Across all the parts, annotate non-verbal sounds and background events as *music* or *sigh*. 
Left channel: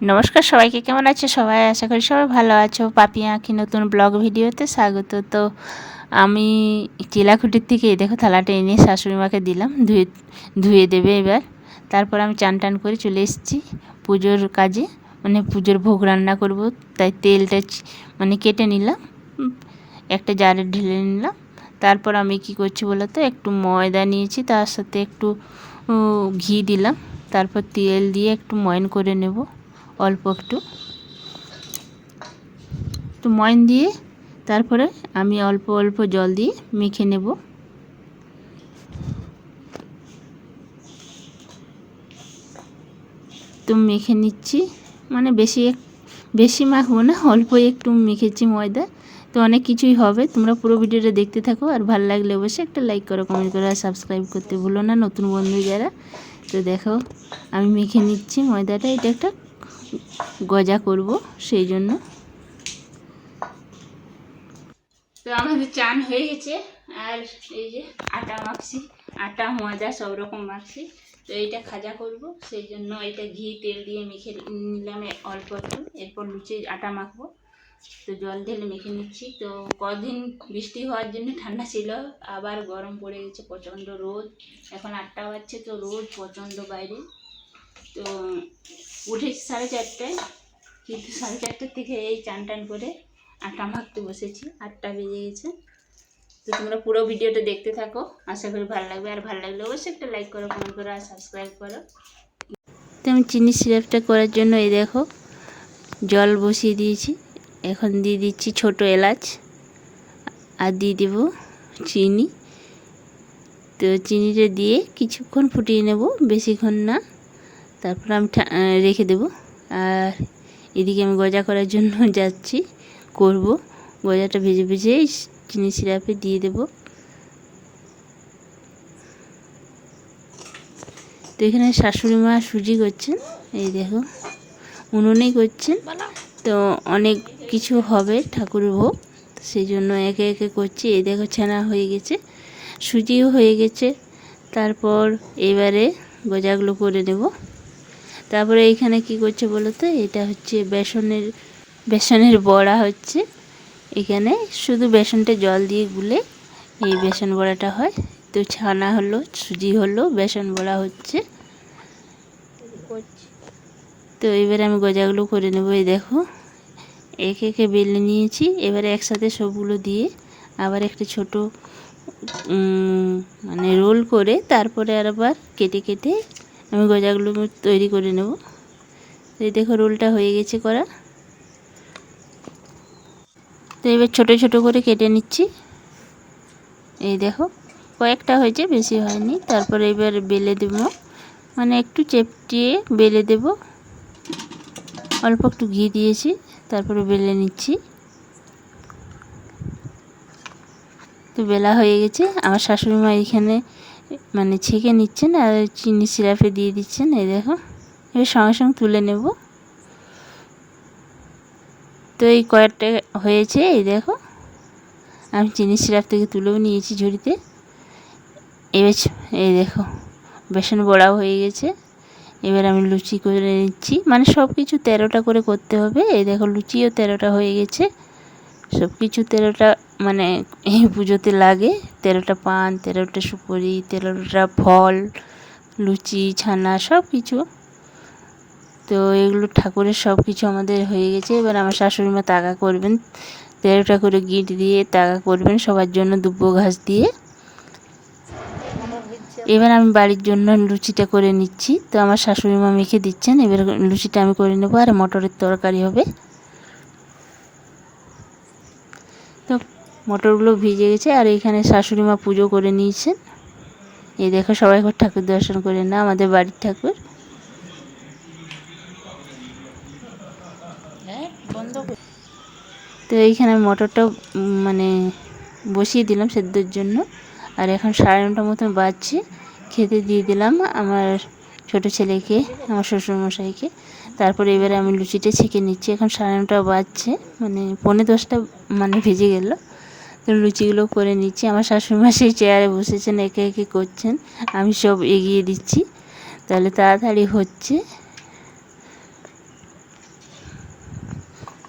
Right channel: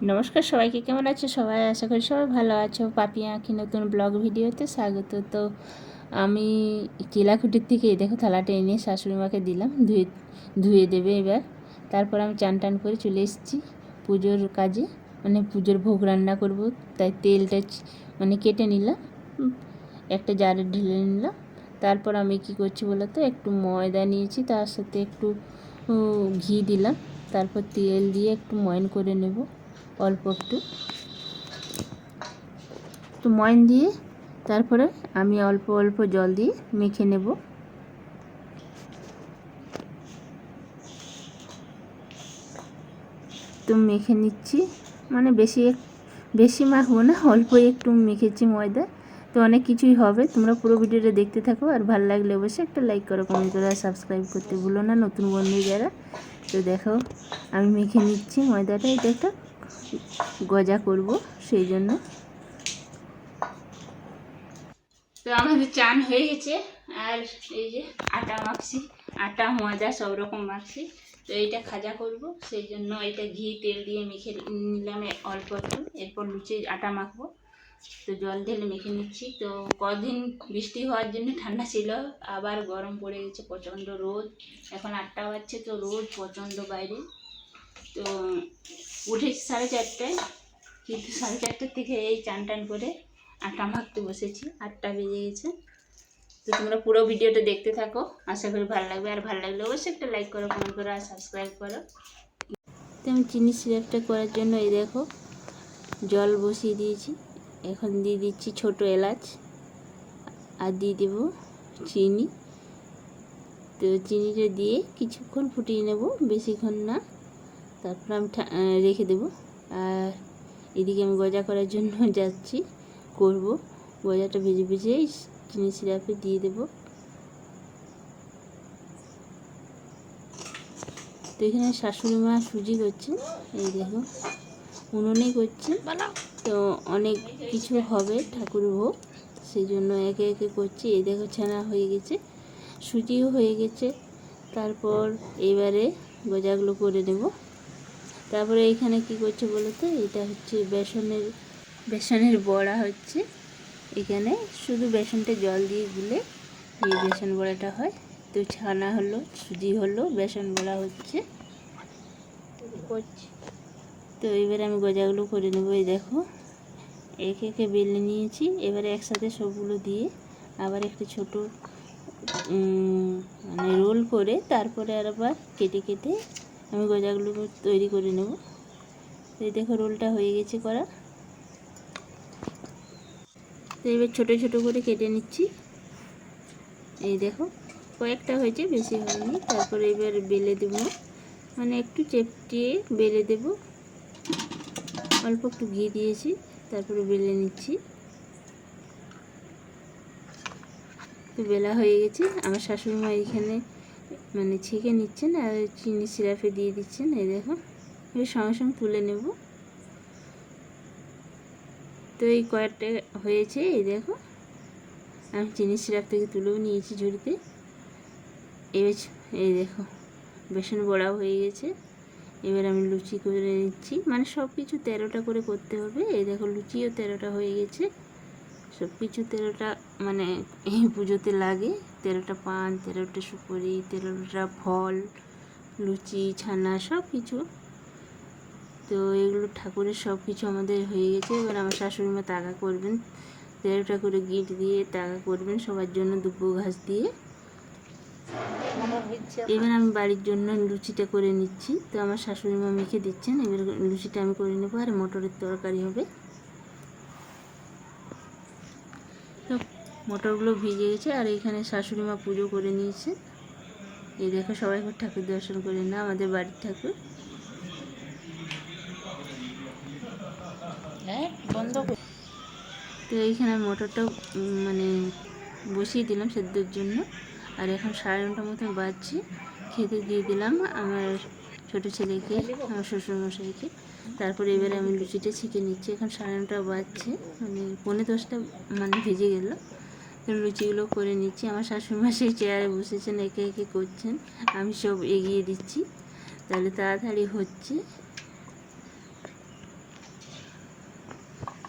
নমস্কার, সবাইকে কেমন আছে? সবাই আশা করি সবাই ভালো আছো। পাপি আঁকি নতুন ব্লগ ভিডিওতে স্বাগত। তো আমি চিলাকুটির থেকে দেখো থালাটা এনে শাশুড়ি মাকে দিলাম, ধুয়ে ধুয়ে দেবে এবার। তারপর আমি চান টান করে চলে এসেছি পুজোর কাজে। মানে পুজোর ভোগ রান্না করব, তাই তেলটা মানে কেটে নিলাম, একটা জারে ঢেলে নিলাম। তারপর আমি কি করছি বলো তো, একটু ময়দা নিয়েছি, তার সাথে একটু ঘি দিলাম। তারপর তেল দিয়ে একটু ময়ন করে নেব। অল্প একটু। তো ময়ন দিয়ে তারপরে আমি অল্প অল্প জল দিয়ে মেখে নেব। তো মেখে নিচ্ছি। মানে বেশি বেশি মাখবো না, অল্প একটু মেখেছি ময়দা। তো অনেক কিছুই হবে। তোমরা পুরো ভিডিওটা দেখতে থাকো। আর ভালো লাগলে অবশ্যই একটা লাইক করো কমেন্ট করো, আর সাবস্ক্রাইব করতে ভুলো না নতুন বন্ধু যারা। তো দেখো, আমি মেখে নিচ্ছি ময়দাটা। এটা একটা গজা করব সেই জন্য। তো আমাদের চান হয়ে গেছে, আর এই যে আটা মাখছি, আটা, ময়দা, সব রকম মাখছি। তো এইটা খাজা করব, সেই জন্য এটা ঘি, তেল দিয়ে মেখে নিলাম অল্প একটু। এরপর লুচি, আটা মাখবো। তো জল ঢেলে মেখে নিচ্ছি। তো কদিন বৃষ্টি হওয়ার জন্য ঠান্ডা ছিল, আবার গরম পড়ে গেছে, প্রচণ্ড রোদ। এখন আটটা বাজছে, তো রোদ প্রচণ্ড বাইরে। তো উঠেছি সাড়ে চারটায়, কিন্তু সাড়ে চারটার থেকে এই চান টান করে আটা মাখতে বসেছি, আটটা বেজে গেছে। তো তোমরা পুরো ভিডিওটা দেখতে থাকো, আশা করি ভালো লাগবে। আর ভালো লাগলে অবশ্যই একটা লাইক করো কমেন্ট করো আর সাবস্ক্রাইব করো। তো আমি চিনি সিরাপটা করার জন্য এই দেখো, জল বসিয়ে দিয়েছি। এখন দিয়ে দিচ্ছি ছোট এলাচ আর দিয়ে দেবো চিনি। তো চিনিটা দিয়ে কিছুক্ষণ ফুটিয়ে নেব, বেশিক্ষণ না। তারপর আমি রেখে দেবো। আর এদিকে আমি গজা করার জন্য *laughs* যাচ্ছি, করব। গজাটা ভেজে ভেজে চিনি সিরাপে দিয়ে দেব। তো এখানে শাশুড়ি মা সুজি করছেন, এই দেখো, উনুনেই করছেন। তো অনেক কিছু হবে ঠাকুরের ভোগ সেই জন্য একে একে করছি। এই দেখো ছানা হয়ে গেছে, সুজিও হয়ে গেছে। তারপর এবারে গজাগুলো করে দেব। তারপরে এইখানে কি করছে বলো তো? এটা হচ্ছে বেসনের বেসনের বড়া হচ্ছে। এখানে শুধু বেসনটা জল দিয়ে গুলে এই বেসন বড়াটা হয়। তো ছানা হলো, সুজি হলো, বেসন বড়া হচ্ছে। তো এবারে আমি গজাগুলো করে নেব, এই দেখো। একে একে বেলে নিয়েছি, এবারে একসাথে সবগুলো দিয়ে আবার একটা ছোট মানে রোল করে তারপরে আর আবার কেটে কেটে আমি গজাগুলো তৈরি করে নেব। এই দেখো রোলটা হয়ে গেছে করা। তো এবার ছোট ছোটো করে কেটে নিচ্ছি। এই দেখো, কয়েকটা হয়েছে, বেশি হয়নি। তারপরে এবার বেলে দেবো। মানে একটু চেপটিয়ে বেলে দেব। অল্প একটু ঘি দিয়েছি, তারপরে বেলে নিচ্ছি। তো বেলা হয়ে গেছে। আমার শাশুড়ি মা এখানে মানে ছেঁকে নিচ্ছেন আর চিনি সিরাপে দিয়ে দিচ্ছেন, এই দেখো। এবার সঙ্গে সঙ্গে তুলে নেব। তো এই কয়েকটা হয়েছে, এই দেখো। আমি চিনি সিরাপ থেকে তুলেও নিয়েছি ঝুড়িতে। এবার এই দেখো, বেসন বড়াও হয়ে গেছে। এবার আমি লুচি করে নিচ্ছি। মানে সব কিছু তেরোটা করে করতে হবে। এই দেখো, লুচিও তেরোটা হয়ে গেছে। সব কিছু তেরোটা মানে এই পুজোতে লাগে। তেরোটা পান, তেরোটা সুপুরি, তেরোটা ফল, লুচি, ছানা, সব কিছু। তো এগুলো ঠাকুরের সব কিছু আমাদের হয়ে গেছে। এবার আমার শাশুড়ি মা তাকা করবেন। তেরোটা করে গিট দিয়ে তাকা করবেন সবার জন্য দুব্বো ঘাস দিয়ে। এবার আমি বাড়ির জন্য লুচিটা করে নিচ্ছি। তো আমার শাশুড়ি মা মেখে দিচ্ছেন। এবার লুচিটা আমি করে নেব আর মটরের তরকারি হবে। তো মটরগুলো ভিজে গেছে আর এখানে শাশুড়ি মা পুজো করে নিয়েছেন। এই দেখো সবাই ঘর ঠাকুর দর্শন করে না আমাদের বাড়ির ঠাকুর। তো এইখানে মটরটা মানে বসিয়ে দিলাম সেদ্ধর জন্য। আর এখন সাড়ে নটা মতন বাজছে খেতে দিয়ে দিলাম আমার ছোট ছেলেকে, আমার শ্বশুরমশাইকে। তারপরে এবারে আমি লুচিটা ছেঁকে নিচ্ছি। এখন সাড়ে নটা বাজছে মানে পৌনে দশটা মানে ভেজে গেল। তো লুচিগুলো করে নিচ্ছি। আমার শাশুড়িমা সেই চেয়ারে বসেছেন, একে একে করছেন। আমি সব এগিয়ে দিচ্ছি। তাহলে তাড়াতাড়ি হচ্ছে।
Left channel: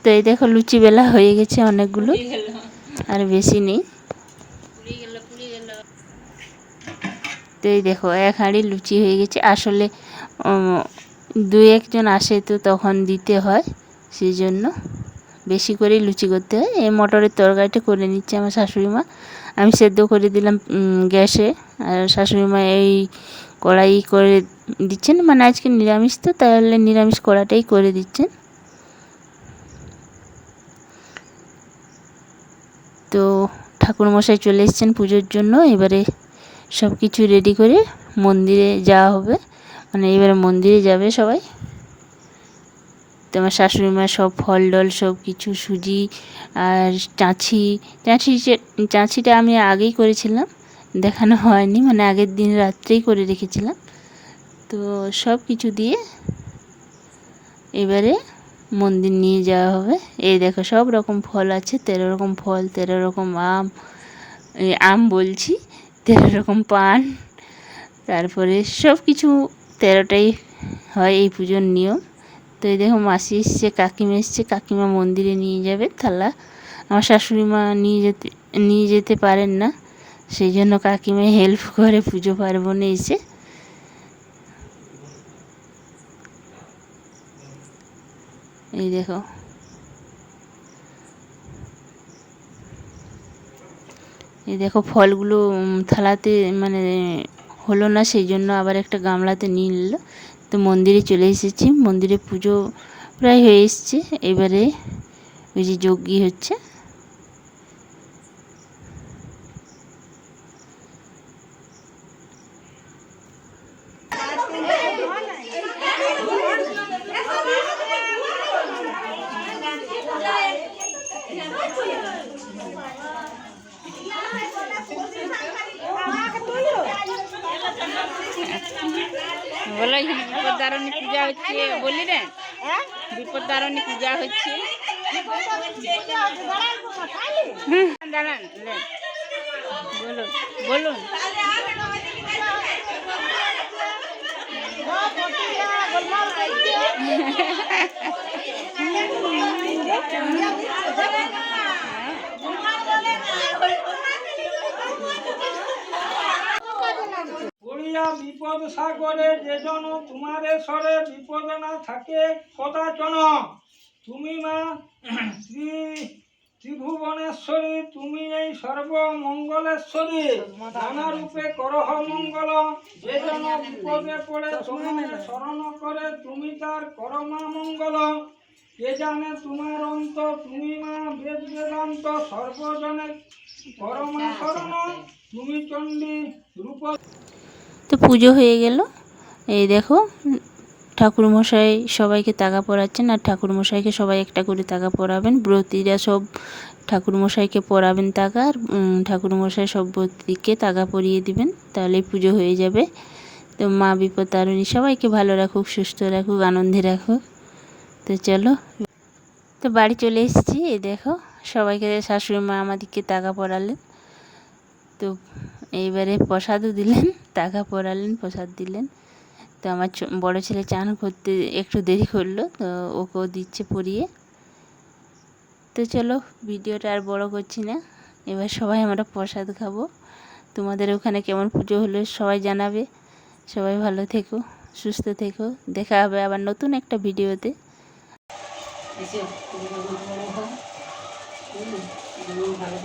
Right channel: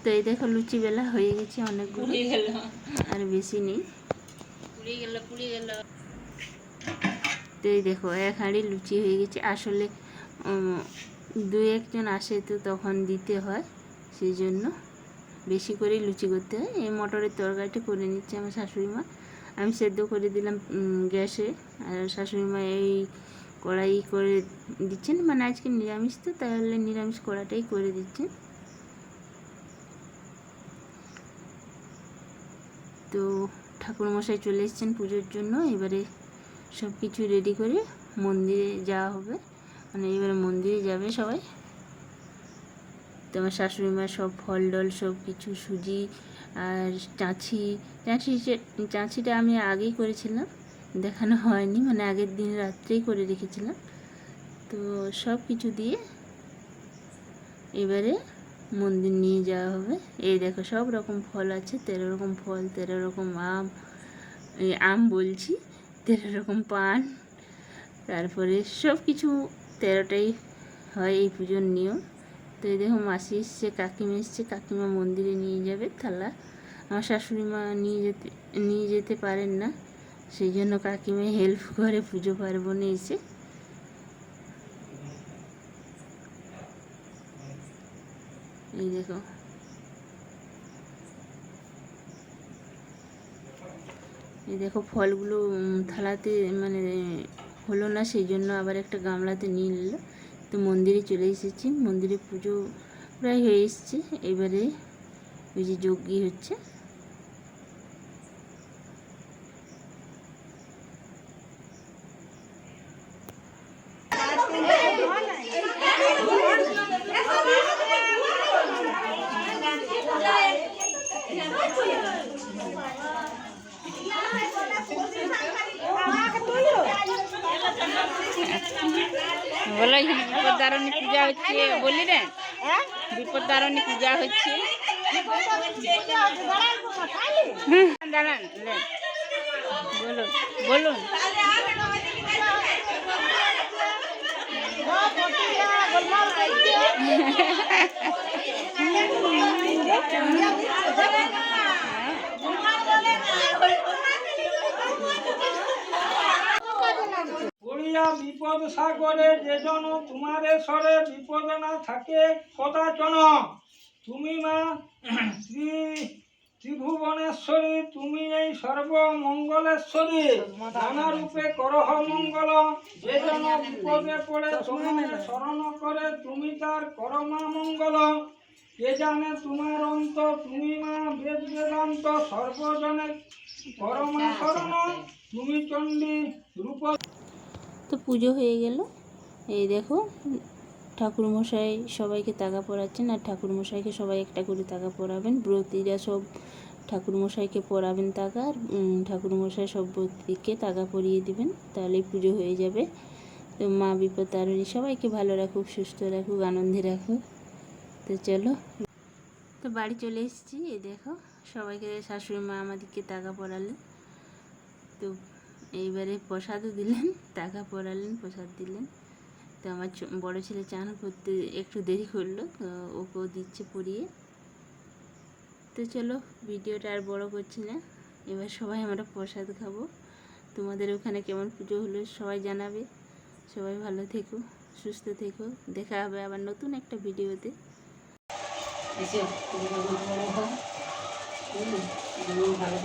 তো এই দেখো, লুচি বেলা হয়ে গেছে অনেকগুলো। আর বেশি নেই পুড়ে গেল পুড়ে গেল তো এই দেখো, এক হাঁড়ি লুচি হয়ে গেছে। আসলে দু একজন আসে তো তখন দিতে হয় সেই জন্য বেশি করেই লুচি করতে হয়। এই মটরের তরকারিটা করে নিচ্ছে আমার শাশুড়ি মা। আমি সেদ্ধ করে দিলাম গ্যাসে। আর শাশুড়ি মা এই কড়াই করে দিচ্ছেন। মানে আজকে নিরামিষ তো, তাহলে নিরামিষ কড়াটাই করে দিচ্ছেন। তো ঠাকুরমশাই চলে এসেছেন পুজোর জন্য। এবারে সব কিছু রেডি করে মন্দিরে যাওয়া হবে। মানে এবারে মন্দিরে যাবে সবাই। তোমার শাশুড়ি মা সব ফল ডল সব কিছু সুজি আর চাঁছি যে- চাঁছিটা আমি আগেই করেছিলাম, দেখানো হয়নি মানে আগের দিন রাত্রেই করে রেখেছিলাম। তো সব কিছু দিয়ে এবারে মন্দির নিয়ে যাওয়া হবে। এই দেখো, সব রকম ফল আছে, তেরো রকম ফল, তেরো রকম আম। আম বলছি তেরো রকম পান। তারপরে সব কিছু তেরোটাই হয় এই পুজোর নিয়ম। তো এই দেখো মাসি এসছে, কাকিমা এসছে, কাকিমা মন্দিরে নিয়ে যাবে। থালা আমার শাশুড়ি মা নিয়ে যেতে নিয়ে যেতে পারেন না। সেই জন্য কাকিমা হেল্প করে পুজো পার্বণে এসে। এই দেখো এই দেখো ফলগুলো থালাতে মানে হলো না, সেই জন্য আবার একটা গামলাতে নিয়ে নিল। তো মন্দিরে চলে এসেছি। মন্দিরে পুজো প্রায় হয়ে এসছে। এবারে ওই যে যজ্ঞি হচ্ছে। বলো এখানে বিপদারণী পূজা হচ্ছে বললি রে? বিপদারণী পূজা হচ্ছে। হুম, দাঁড়ান। বলুন বলুন। পড়িয়া বিপদ সাগরে যে জন তোমারে স্বরে বিপদ না থাকে কদাচন তুমি মা শ্রী ত্রিভুবনেশ্বরী, তুমি এই সর্বমঙ্গলেশ্বরী। নানা রূপে করহ মঙ্গল, যে জন বিপদে পড়ে তোমার স্মরণ করে, তুমি তার করমা মঙ্গল। কে জানে তোমার অন্ত, তুমি মা বেদ বেদান্ত সর্বজনে পরমা শরণ তুমি চণ্ডী রূপ তো পুজো হয়ে গেল। এই দেখো, ঠাকুরমশাই সবাইকে তাগা পরাচ্ছেন আর ঠাকুরমশাইকে সবাই একটা করে তাগা পরাবেন। ব্রতীরা সব ঠাকুরমশাইকে পরাবেন তাগা আর ঠাকুরমশাই সব ব্রতীকে তাগা পরিয়ে দিবেন তাহলে পুজো হয়ে যাবে। তো মা বিপদ তারিণী সবাইকে ভালো রাখুক, সুস্থ রাখুক, আনন্দে রাখুক। তো চলো। তো বাড়ি চলে এসেছি, এই দেখো, সবাইকে শাশুড়ি মা আমাদেরকে তাগা পরালেন। তো এইবারে প্রসাদও দিলেন, টাকা পড়ালেন, প্রসাদ দিলেন। তো আমার বড় ছেলে চান করতে একটু দেরি করল, তো ওকেও দিচ্ছে পরিয়ে তো চলো, ভিডিওটা আর বড় করছি না। এবার সবাই আমরা প্রসাদ খাব। তোমাদের ওখানে কেমন পুজো হলো সবাই জানাবে। সবাই ভালো থেকো, সুস্থ থেকো। দেখা হবে আবার নতুন একটা ভিডিওতে। ভালো